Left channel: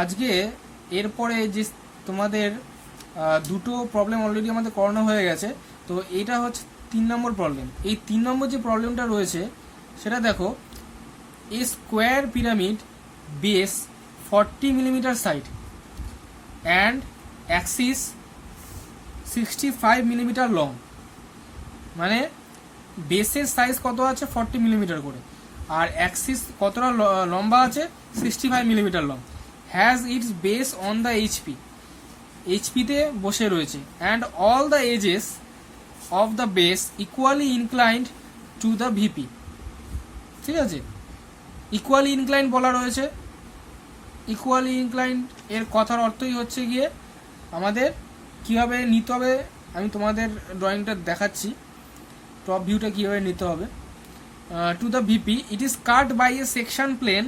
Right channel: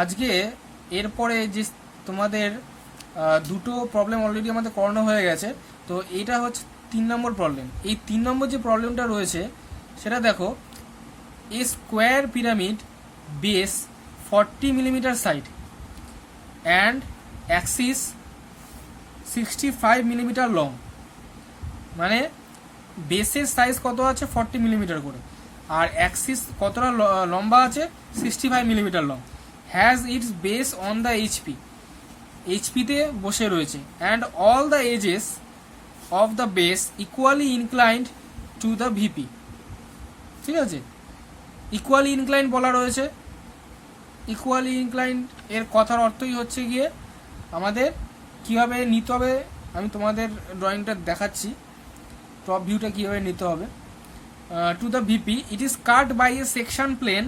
আজকে এরপরে যে তোমাদের দুটো প্রবলেম অলরেডি আমাদের করানো হয়ে গেছে, তো এইটা হচ্ছে 3 নম্বর প্রবলেম। এই 3 নম্বর যে প্রবলেমটা রয়েছে সেটা দেখো, a square pyramid base 40 millimetre side and axis 65 millimetre long. মানে বেসের সাইজ কত আছে 40 মিলিমিটার করে, আর অ্যাক্সিস কতটা লম্বা আছে 65 millimetre long. Has its base on the HP, এইচপিতে বসে রয়েছে। And all the edges of the base equally inclined to the VP. ঠিক আছে, ইকুয়ালি ইনক্লাইন্ড বলা রয়েছে। ইকুয়ালি ইনক্লাইন্ড এর কথার অর্থই হচ্ছে গিয়ে আমাদের কিভাবে নিতে হবে, আমি তোমাদের ড্রয়িংটা দেখাচ্ছি, টপ ভিউটা কিভাবে নিতে হবে। To the VP it is cut by a section plane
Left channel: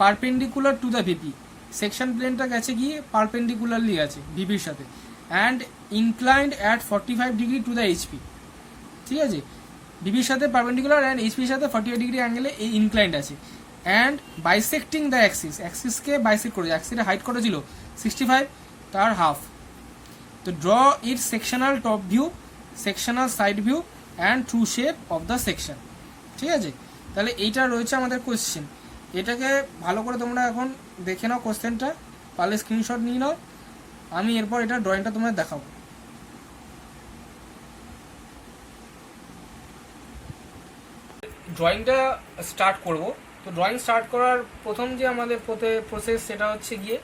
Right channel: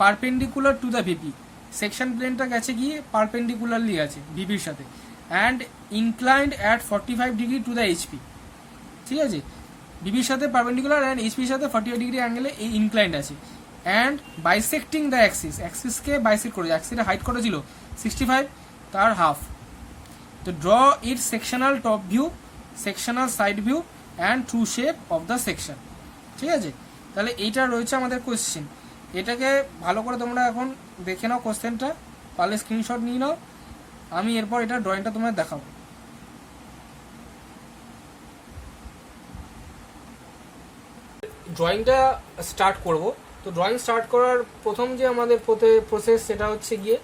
perpendicular to the VP. Section প্লেনটা গেছে গিয়ে পারপেন্ডিকুলারলি আছে ভিপির সাথে। And inclined at 45 degree to the HP. ঠিক আছে, ভিপির সাথে পারপেন্ডিকুলার অ্যান্ড এইচপির সাথে 45 ডিগ্রি অ্যাঙ্গেলে এই ইনক্লাইন্ড আছে। অ্যান্ড বাইসেক্টিং দ্য অ্যাক্সিস, অ্যাক্সিসকে বাইসেক্ট করেছে। অ্যাক্সিসের হাইট কত ছিল 65, তার হাফ। তো draw it sectional top view, sectional side view and true shape of the section. ঠিক আছে, তাহলে এইটা রয়েছে আমাদের কোয়েশ্চেন। এটাকে ভালো করে তোমরা এখন দেখে নাও, কোশ্চেনটা পারলে স্ক্রিনশট নিয়ে নাও। আমি এরপর এটা ড্রয়িংটা তোমাদের দেখাবো। ড্রয়িংটা স্টার্ট করব। তো ড্রয়িং স্টার্ট করার প্রথম যে আমাদের প্রসেস সেটা হচ্ছে গিয়ে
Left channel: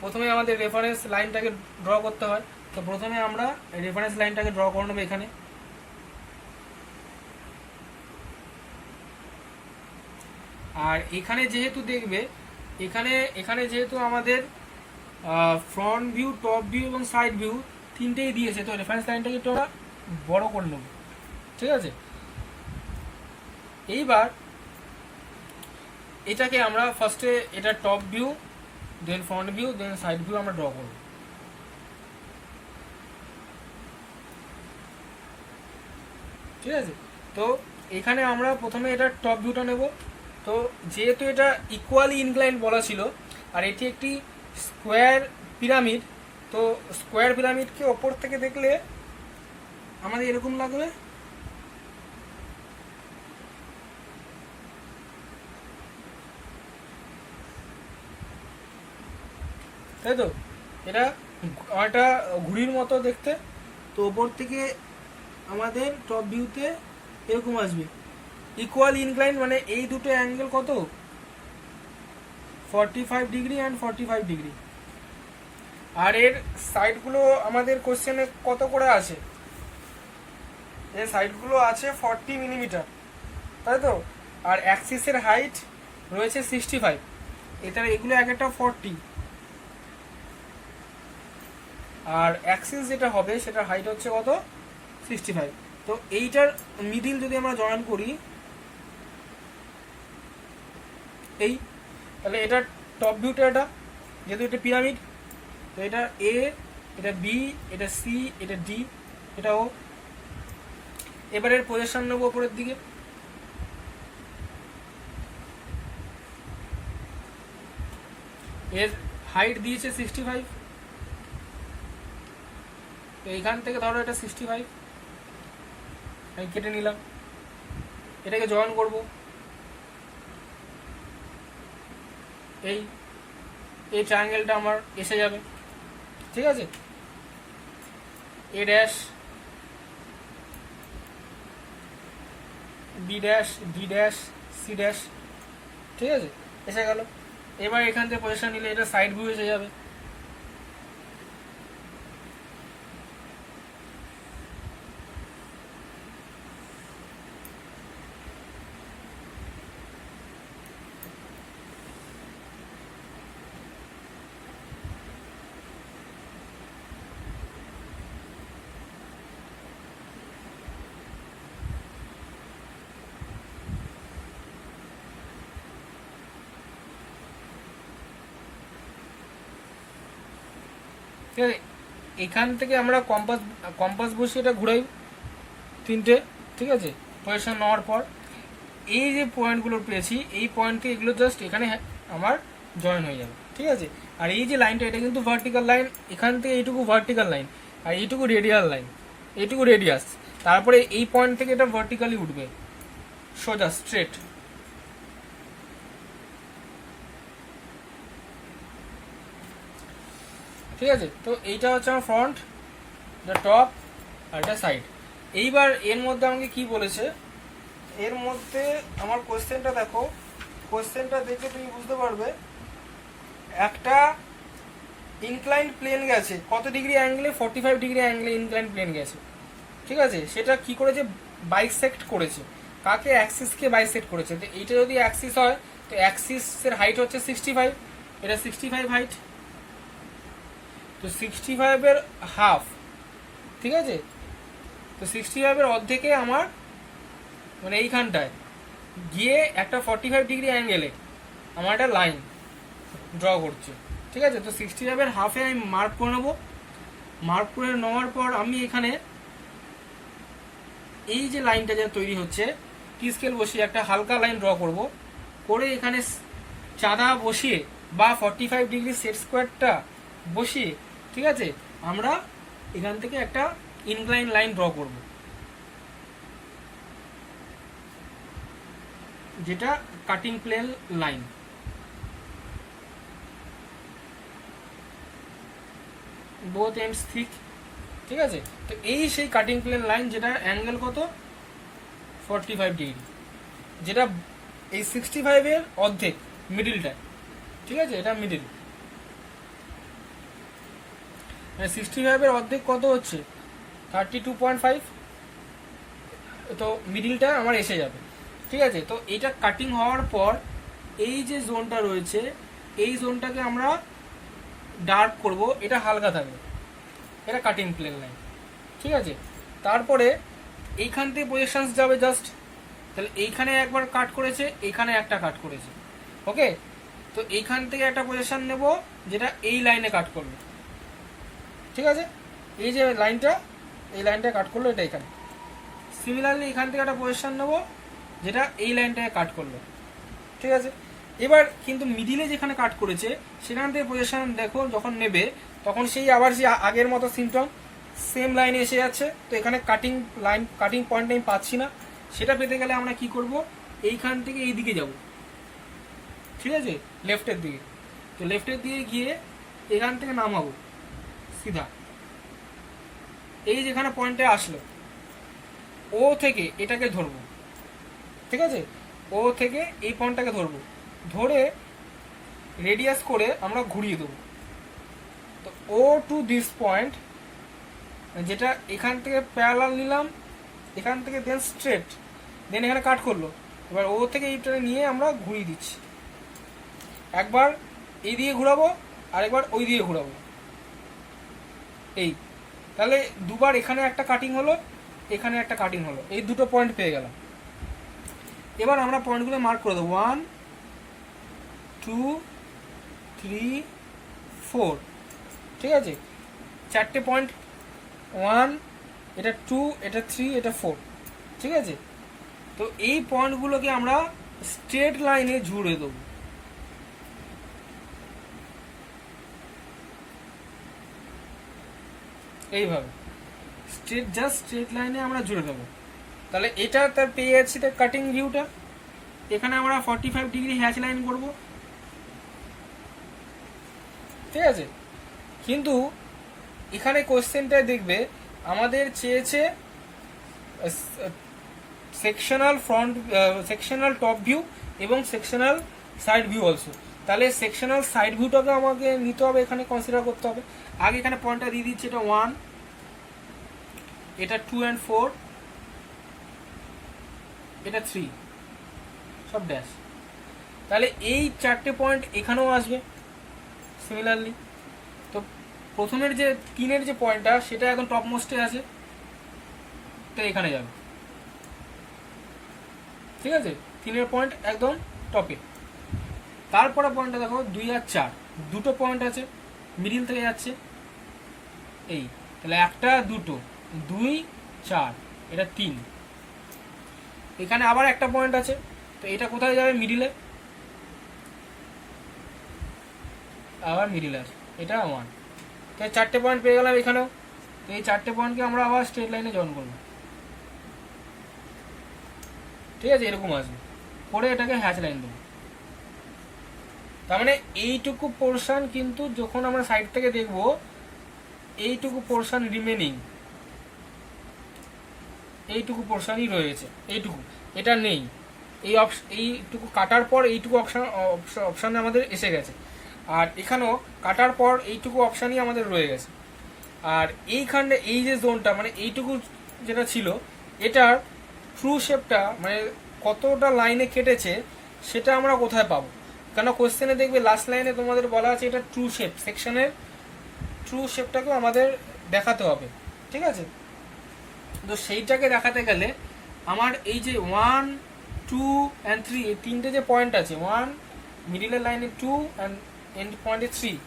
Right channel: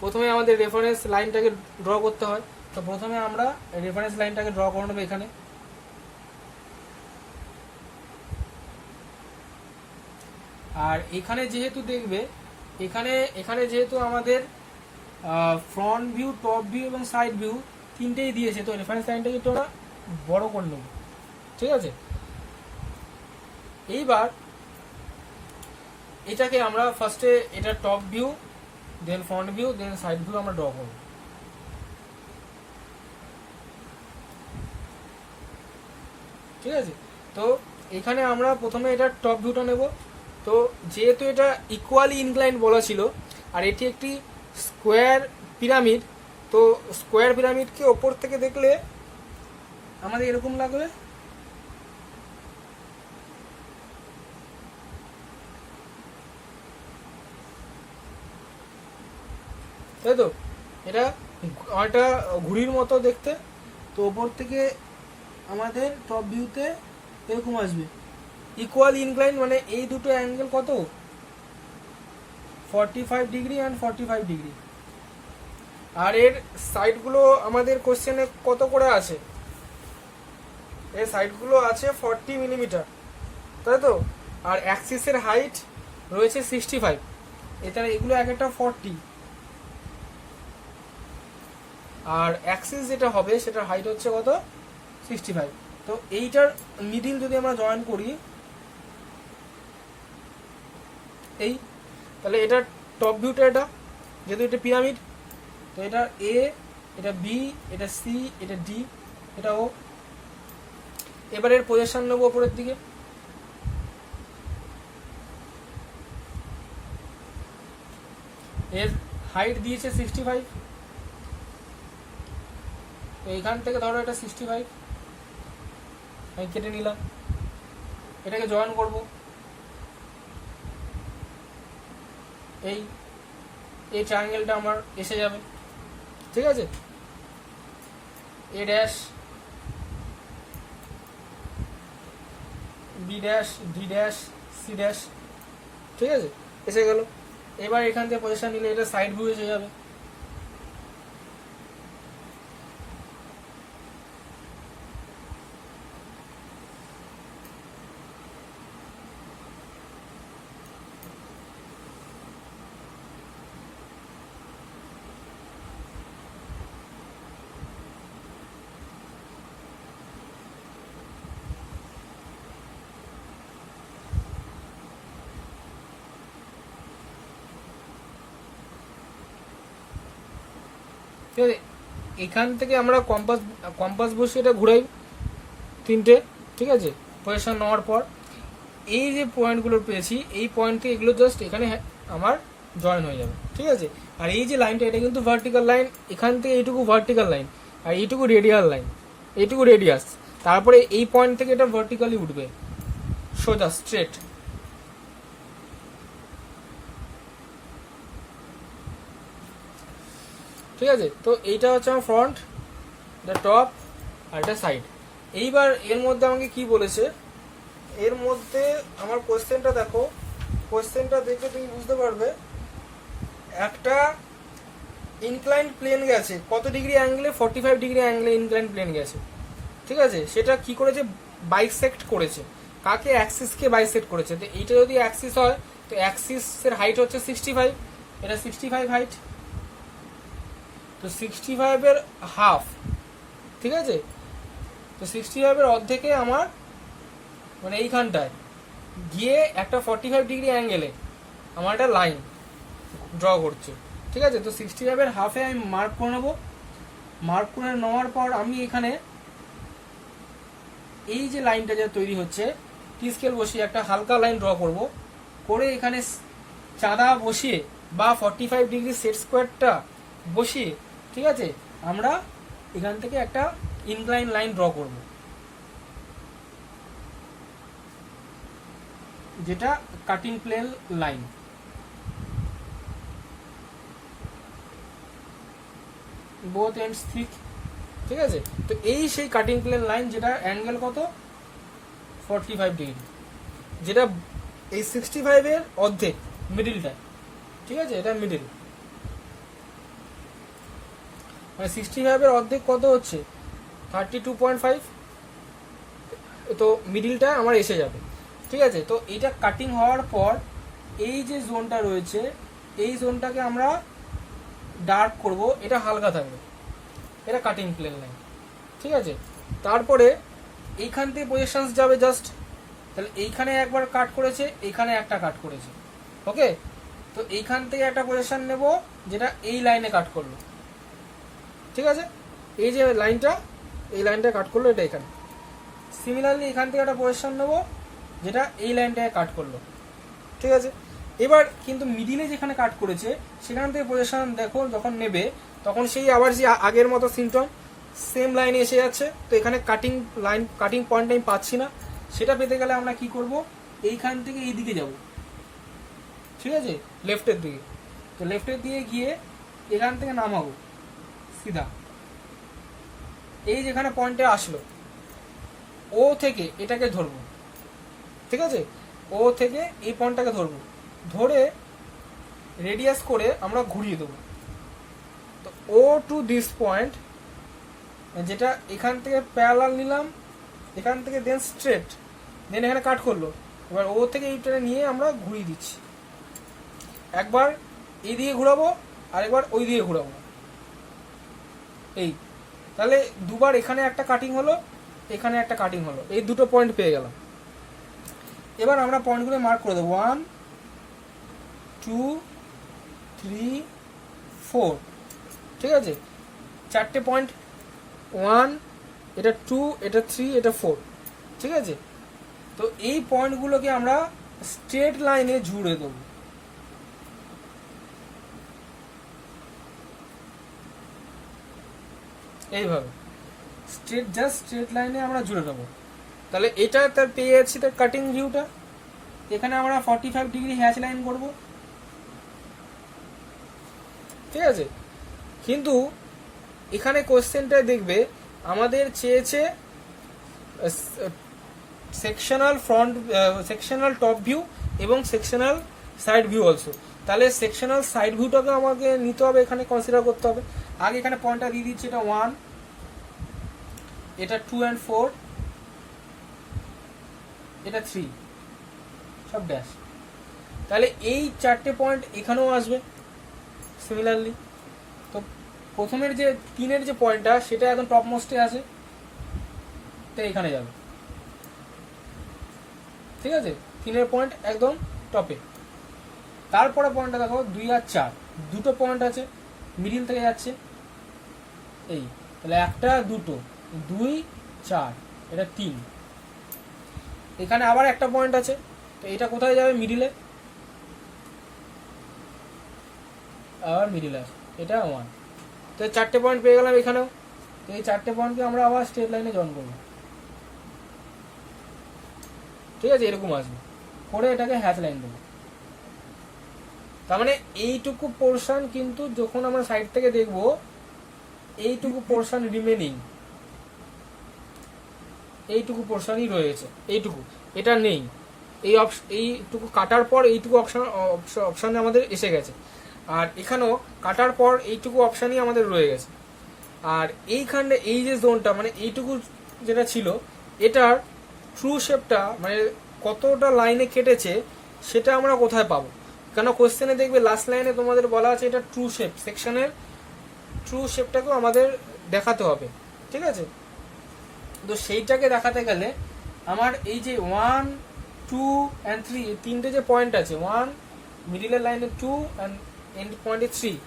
প্রথমে আমাদের রেফারেন্স লাইনটাকে ড্র করতে হয়। তো প্রথমে আমরা রেফারেন্স লাইনটাকে ড্র করে নেবো এখানে। আর এখানে যেহেতু দেখবে এখানে যেহেতু আমাদের ফ্রন্ট ভিউ, টপ ভিউ এবং সাইড ভিউ তিনটেই দিয়েছে, তো রেফারেন্স লাইনটাকে একটু আমরা বড় করে নেব। ঠিক আছে, এইবার এটাকে আমরা ফার্স্টে এটা টপ ভিউ, দেন ফ্রন্ট ভিউ, দেন সাইড ভিউ আমরা ড্র করব। ঠিক আছে, তো এখানে আমরা প্রথমে এটা টপ ভিউটা নেব। তো যেহেতু এটা ইকুয়ালি ইনক্লাইন্ড বলা ছিল আর এটি একটি স্কোয়ার পিরামিড, তো স্কোয়ার পিরামিডকে ওপর থেকে দেখলে আমাদের এরকম লাগবে। তাই তো, এটা একটা ঘুড়ির মতো দেখতে। তো ওপর থেকে আমাদের টপ ভিউতে এরকম আসবে। ইকুয়াল ইনক্লাইন মানে এই দুটো অ্যাঙ্গেল কত 45 ডিগ্রি অ্যান্ড 45 ডিগ্রি। আর এর সাইডগুলো আমাদের কোশ্চেনে কত করে আছে, এর সাইডগুলো আছে 40 মিলিমিটার, তাই তো। আর অ্যাক্সিসের হাইট রয়েছে 65, এখানে এগুলো এক একটা 40। আর অ্যাক্সিস যেটা হবে সেটার হাইট হচ্ছে কত 65। তো এইটার মিডিল যদি আমরা জয়েন করি এই, তাহলে এটা টপ ভিউটা, এটা যেহেতু এটা পিরামিড, তো এটা এ, এটা বি, এটা সি, এটা ডি, এটা ও। এবার এর পজিশন নেবো উপরের দিকে। এর হাইট দিয়েছে 65, তো এইখান থেকে ধরো এটা 65 আমি কেটে নিলাম। এটাকে জয়েন করব, এই ট্রায়াঙ্গেলটা আমার এসে যাবে। ঠিক আছে, A dash, B dash, D dash, C dash. ঠিক আছে, এসে গেল। এবার এখান থেকে পজিশন নিলে এটা সাইড ভিউ এসে যাবে। ঠিক আছে, এখান থেকে আমরা কম্পাস বসিয়ে এটা ঘুরাই তিনটে। ঠিক আছে, পজিশন নেওয়ার পর এই যে পয়েন্টগুলো পেয়েছি এই পয়েন্টকে এগুলো জাস্ট এখানে আমার জয়েন হয়ে যাবে, ঠিক আছে। আর এই যে লাইনটা এটা কিন্তু ভার্টিক্যাল লাইন, এখান থেকে এইটুকু ভার্টিক্যাল লাইন আর এইটুকু রেডিয়াল লাইন, এইটুকু রেডিয়াস, তারপরে এই পয়েন্ট থেকে এটা ভার্টিক্যালি উঠবে সোজা স্ট্রেট। ঠিক আছে, তো এইটা হচ্ছে আমার ফ্রন্ট, এটা টপ আর এটা সাইড। এইবার এর মধ্যে আমাকে কি বলেছে, এর মধ্যে আমার কোয়েশ্চেনটা দেখো, কোয়েশ্চেনটা দেখে তুমি বুঝতে পারবে একটা ইনক্লাইন প্লেন গেছে কত ডিগ্রি অ্যাঙ্গেলে, 45 ডিগ্রি অ্যাঙ্গেলে ইনক্লাইন প্লেন গেছে, ঠিক আছে। সেটা কি করেছে, বাইসেক্ট করেছে, কাকে, অ্যাক্সিসকে বাইসেক্ট করেছে। তো এইটা যদি অ্যাক্সিস হয় তো অ্যাক্সিসের হাইট হচ্ছে 65, এটা 65 হাইট, তো 65 এর হাফ, ঠিক আছে। তো 65 এর অর্ধেকে আমার মানে এইখানটায় গিয়ে একটা 45 ডিগ্রি অ্যাঙ্গেলে আমার একটা লাইন ড্র করছে, ঠিক আছে। তো 65 এর হাফে আমি মার্ক করে নেবো, মার্ক করে নেওয়ার পর আমি এখানে এই যে লাইনটা যে তৈরি হচ্ছে টি স্কেল বসিয়ে একটা হালকা লাইন ড্র করব, করে এখানে চাঁদা বসিয়ে বা 45 ডিগ্রি সেট স্কোয়ারটা বসিয়ে, ঠিক আছে, আমরা এখান থেকে একটা ইনক্লাইন লাইন ড্র করব, যেটা cutting plane line. Both ends thick, ঠিক আছে। তো এই সেই কাটিং প্লেন লাইন যেটা অ্যাঙ্গেল কত, 45 ডিগ্রি, যেটা এই 65 এর অর্ধেক, মিডিলটা, ঠিক আছে, এটা মিডিল। মানে 65 এর অর্ধেক কত হচ্ছে 32.5, তো মিডিলটা আমার এসে যাবে, ঠিক আছে। তো এইটা কাটিং হওয়ার পর এই যে জোনটা রয়েছে এই জোনটাকে আমরা ডার্ক করব, এটা হালকা থাকবে, এটা কাটিং প্লেন লাইন, ঠিক আছে। তারপরে এইখান থেকে প্রজেকশনস যাবে জাস্ট, তাহলে এইখানে একবার কাট করেছে, এইখানে একটা কাট করেছে, ওকে। তো এইখান থেকে একটা প্রজেকশন নেব যেটা এই লাইনে কাট করলো, ঠিক আছে। এই যে লাইনটা, এই লাইনটা কাট করলো, এটা এখানে। সিমিলারলি এখান থেকে একটা প্রজেকশন নেব যেটা এই লাইনটাকে কাট করলো, ঠিক আছে। এবার কিন্তু মিডিলে যেখানে কাট করেছে সেখান থেকে প্রজেকশন দেখো যখন নেবে তখন সেই আবার যে আগের মতো সিমটম, সেম লাইনে এসে যাচ্ছে। তো এখানে কাটিং লাইন, কাটিং পয়েন্ট আমি পাচ্ছি না, সেটা পেতে গেলে আমরা কি করব, এইখান থেকে এই দিকে যাব, ঠিক আছে, লেফটের দিকে। তো লেফটের দিকে গিয়ে এখান থেকে নামাবো সিধা, এই যেখানে পয়েন্টে আসলো ও থেকে এটাকে ধরবো, ঠিক আছে। ও থেকে এই পয়েন্টটাকে ধরবো, ধরে রেডিয়াস করে আমরা ঘুরিয়ে দেবো। তো ও টু দিস পয়েন্ট, যেটা এখান থেকে প্যারালাল নিলাম, এখান থেকে দেন স্ট্রেট, দেন এখানে কাট করলো। এবার ও থেকে এইটা নিয়ে আমরা ঘুরিয়ে দিচ্ছি, একবার এই দিকে ঘুরাবো আর একবার ওই দিকে ঘুরাবো, এই। তাহলে দুবার এখানে একটা কাটিং হলো, এখানে একটা কাটিং হলো, এই দুটো পয়েন্ট পেয়ে গেলাম। এবার আমরা পয়েন্টগুলো মার্ক করে দেবো, 1 2 3 4, ঠিক আছে। চারটে পয়েন্ট, 1, এটা 2, এটা 3, এটা 4, ঠিক আছে। তো এই পয়েন্টগুলোকে আমরা স্ট্রেট লাইনে জুড়ে দেবো, এইভাবে স্ট্রেট, জাস্ট স্ট্রেট লাইনে আমরা জুড়ে দেবো। তাহলে এটা তার পেয়ে যাচ্ছি তার কাটিং ভিউটা। এখানে আমরা 45 ডিগ্রি হ্যাচ লাইন করব, ঠিক আছে। কিন্তু এখানে কোশ্চেনটা দেখবে আমাদের চেয়েছে sectional front, sectional top view এবং সেকশনাল সাইড ভিউ অলসো। তাহলে সেকশনাল সাইড ভিউটাকে আমাকে নিতে হবে, এখানে কনসিডার করতে হবে। আগে এখানে পয়েন্টটা দিয়ে দিচ্ছি, এটা 1, এটা 2 and 4, এটা 3, সব ড্যাশ। তাহলে এই চারটে পয়েন্ট এখানেও আসবে সিমিলারলি। তো প্রথমের যে 3-এর যে পয়েন্টটা সেটা একদম টপ মোস্টে আছে, তো এখানে যাবে, ঠিক আছে। 3-এর পয়েন্ট একদম টপে। তারপরে পয়েন্টটা দেখো 2 আর 4, দুটো পয়েন্ট আছে, মিডিল থেকে যাচ্ছে এই। তাহলে একটা, দুটো, 2 4, এটা 3। এখানে আবার একটা পয়েন্ট আছে, তো এটা কোথায় যাবে, মিডিলে। আবার মিডিল আসবে, এটা 1। তো 4টে পয়েন্ট পেয়ে গেলাম এখানেও। তো এই 4টে পয়েন্টকে আমরা আবার স্ট্রেট লাইনে জয়েন করবো, ঠিক আছে, এরকম আসবে, করে এটাকে হ্যাচ লাইন দেবো। তার মানে এইটুকু পোর্শন কিন্তু যখন আমরা সাইড থেকে দেখব, এইটুকু পোর্শন রিমেনিং, এইটুকু পোর্শনই রয়েছে, এইটুকু, এটা নেই। এইটুকু কাটার পর এইটুকু অপশন আমাদের এসে গেছে, আর এখানেও কাটার পর এইটুকু অপশনই আমাদের রয়ে গেছে। আর এইখানে এই যে জোনটা, মানে এইটুকু যেটা ছিল, এটার ট্রু শেপটা মানে কতটা লাইনে কেটেছে সেটা আমরা কোথায় পাবো? কেন কোশ্চেনে দেখবে লাস্ট লাইনে তোমাদের বলা আছে এটা ট্রু শেপ, সেকশনের ট্রু শেপটাকেও আমাদের দেখাতে হবে, ঠিক আছে। তো সেইটাকে দেখাতে গেলে আমার এই যে 1, 2 and 3 এই 3টে যে পয়েন্ট আছে, 1 মিডিলের লাইনে 2 অ্যান্ড এন্ড পয়েন্টে 3,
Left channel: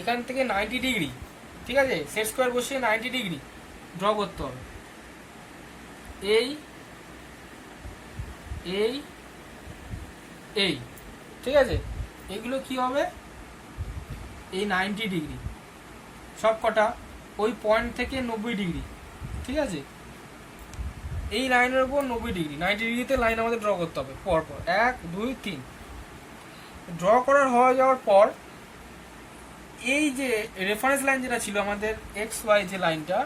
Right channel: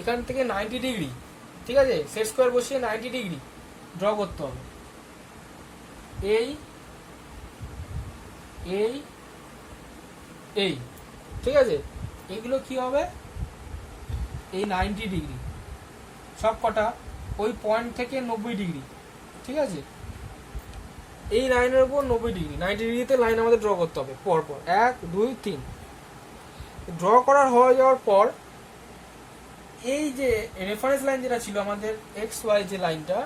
এখান থেকে 90 ডিগ্রি, ঠিক আছে, সেট স্কোয়ার বসিয়ে 90 ডিগ্রি ড্র করতে হবে। এই এই এই ঠিক আছে, এগুলো কি হবে? এই 90 ডিগ্রি সব কটা ওই পয়েন্ট থেকে 90 ডিগ্রি, ঠিক আছে, এই লাইনের উপর 90 ডিগ্রি, 90 ডিগ্রিতে লাইন আমাদের ড্র করতে হবে পরপর, 1 2 3। ড্র করার হয়ে যাওয়ার পর এই যে রেফারেন্স লাইন যেটা ছিল আমাদের এক্স ওয়াই যে লাইনটা,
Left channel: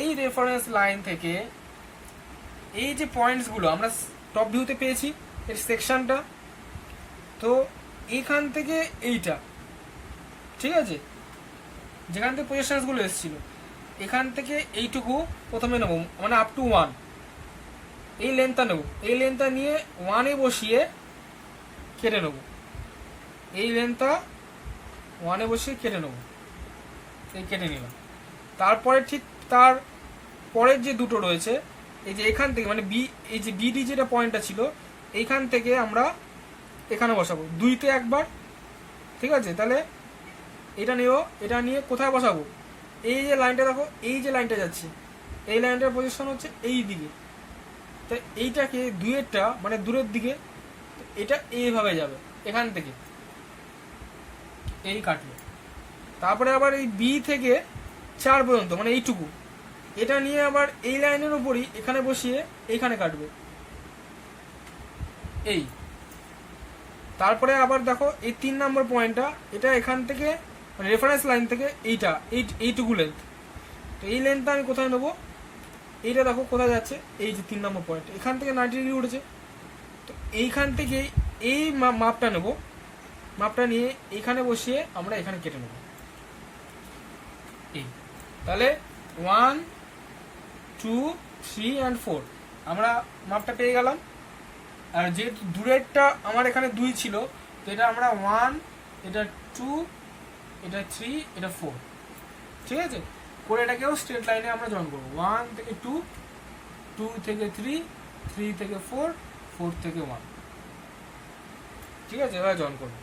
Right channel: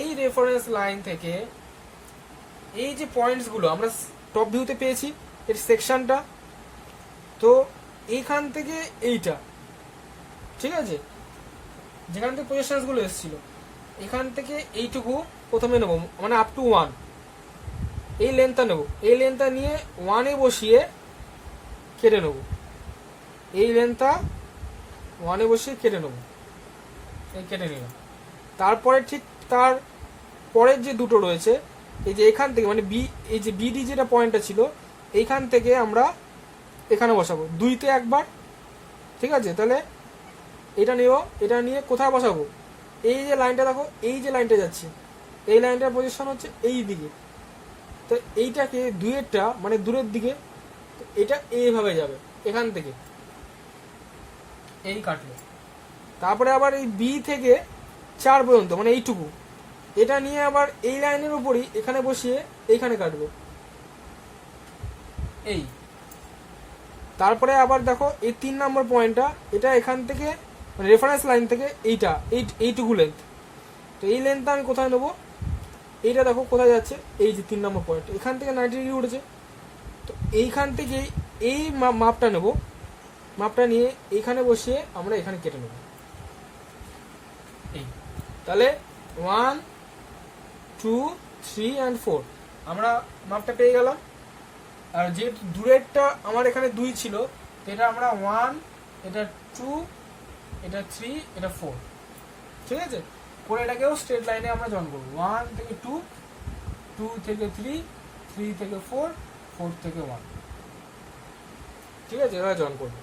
এই রেফারেন্স লাইন থেকে এই যে পয়েন্টসগুলো আমরা টপ ভিউতে পেয়েছি এর সেকশনটা, তো এইখান থেকে এইটা, ঠিক আছে, যেখান থেকে পজিশনসগুলো এসেছিল এখান থেকে এইটুকু প্রথমে নেব, মানে আপ টু 1, এই লেন্থটা নেব, এই লেন্থটা নিয়ে 1-এ বসিয়ে কেটে নেব, এই লেন্থটা 1-এ বসিয়ে কেটে নেব, এই কেটে নিলাম। তারপরে ঠিক তার পরের যে দুটো রয়েছে, এই যে এখান থেকে মানে বি, এই যে বিডি যেটা পয়েন্টটা ছিল এইখান থেকে আমরা এখানে বসাবো 2তে একবার, ঠিক আছে। তাহলে এটা নেব, এটা নিয়ে কোথায় বসাবো? এই যে লাইনটা দেখো, এই যে লাইনটা যাচ্ছে, এই লাইনটার পজিশন হচ্ছে এই দিকে, তো এইটাকে 2-এরটা মানে দূরের দিকে, এটা এইভাবে যাবে, এখান থেকে এই কাটবে। তারপরে আবার এই বি থেকে 4 পর্যন্ত মানে এইটুকু, এটা নিয়ে আবার এই লাইনের উপরই এখানে বসিয়ে এইখানে কাটবে এই। তারপরে আবার দেখো এই 3 নম্বর পয়েন্টটা, এটা এখান থেকে রেফারেন্স লাইন থেকে এইটা এইটুকু লেন্থ, তো এই লেন্থটা আমি কোথায় নেবো? এইটা দেখো কোথায় যাচ্ছে, এই যে 3 নম্বর পয়েন্ট, এখান থেকে 90 ডিগ্রি উঠেছে, তো এইখান থেকে এই মাপটা নেব, মাপটা নিয়ে এইখানে বসিয়ে আমরা এখানে কেটে নেব এই। তাহলে 1 2 3 and 4 আমরা মাপটা পেয়ে গেলাম। আর যে দূরেরটা আমার এখানে 2 ছিল, তো এটা আমরা 1, এটা 2, এটা 3, এটা 4, ঠিক আছে, করে এটাকেও স্ট্রেট লাইনে আমরা জয়েন করবো, 1 থেকে 2, 2 থেকে 3, 3 থেকে 4, 4 থেকে 1, ঠিক আছে, এবার জয়েন করবো।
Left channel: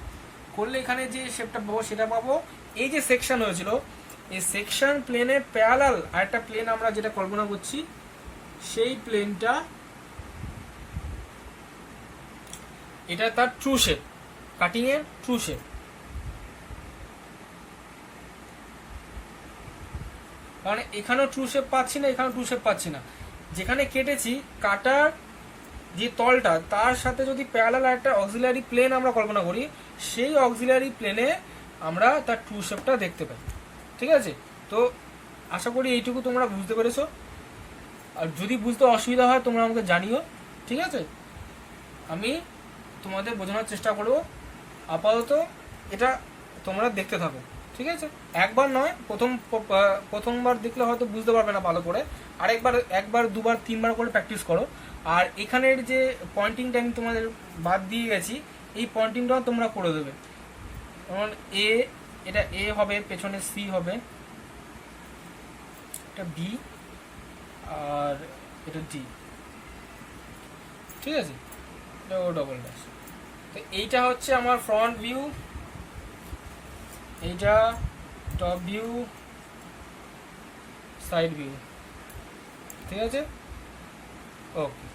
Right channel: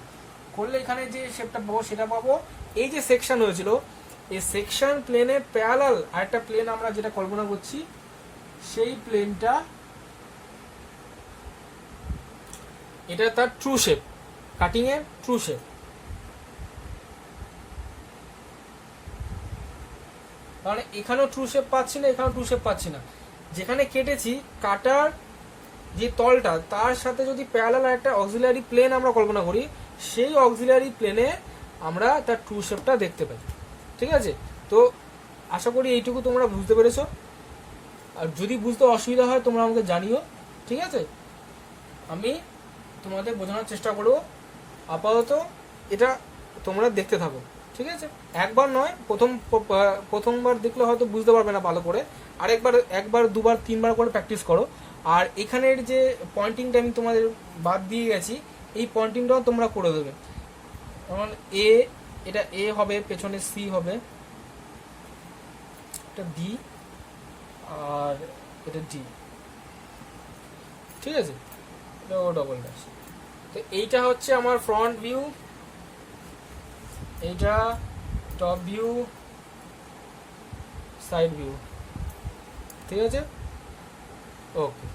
করলে এখানে যে শেপটা পাবো সেটা পাবো। এই যে সেকশন হয়েছিল, এই সেকশন প্লেনের প্যারালাল আরেকটা প্লেন আমরা যেটা কল্পনা করছি, সেই প্লেনটা, এটা তার ট্রু শেপ, কাটিং এর ট্রু শেপ। কারণ এখানেও ট্রু শেপ পাচ্ছি না, এখানেও ট্রু শেপ পাচ্ছি না, যেখানে কেটেছি কাটার যে তলটা তার সাথে যদি প্যারালাল একটা অক্সিলারি প্লেন আমরা কল্পনা করি, সেই অক্সিলারি প্লেনে আমরা তার ট্রু শেপটা দেখতে পাই, ঠিক আছে। তো আশা করি এইটুকু তোমরা বুঝতে পেরেছো, আর যদি বুঝতে অসুবিধা হয় তোমরা আমাকে জানিও, ঠিক আছে, আমি তোমাদের বোঝানোর চেষ্টা করবো। আপাতত এটা তোমরা দেখতে থাকো, ঠিক আছে, একবার নয়, প্রথমবার দেখলে হয়তো বুঝতে পারবে না ভালো করে, একবার 2বার 3বার করে প্র্যাকটিস করো। আর এখানের যে পয়েন্টিংটা আমি তোমাদের বাদ দিয়ে গেছি, এই পয়েন্টিংটাও তোমরা করে দেবে। যেমন এটা এ হবে, পেছনে সি হবে, এটা বি, আর এটা ডি, ঠিক আছে, এটা ও ডবল ড্যাশ। তো এইটা হচ্ছে আমার ফ্রন্ট ভিউ, এইটা টপ ভিউ, সাইড ভিউ, ঠিক আছে, ওকে।